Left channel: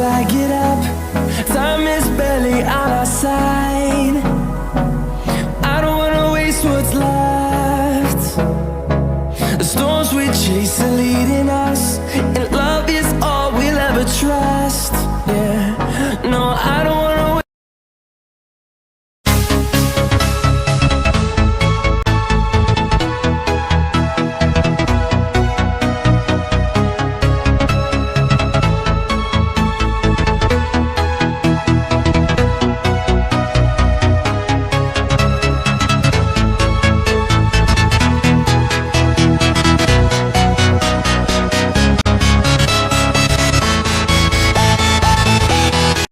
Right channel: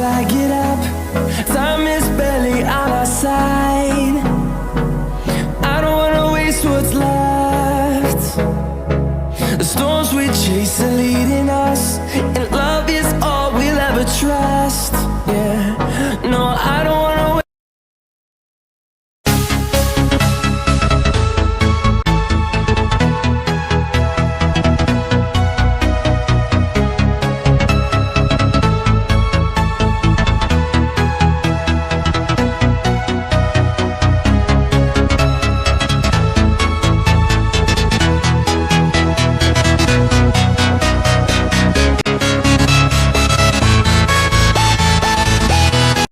till I get up. Time is barely on our side. I don't wanna waste what's left. The storms we chase are leading us,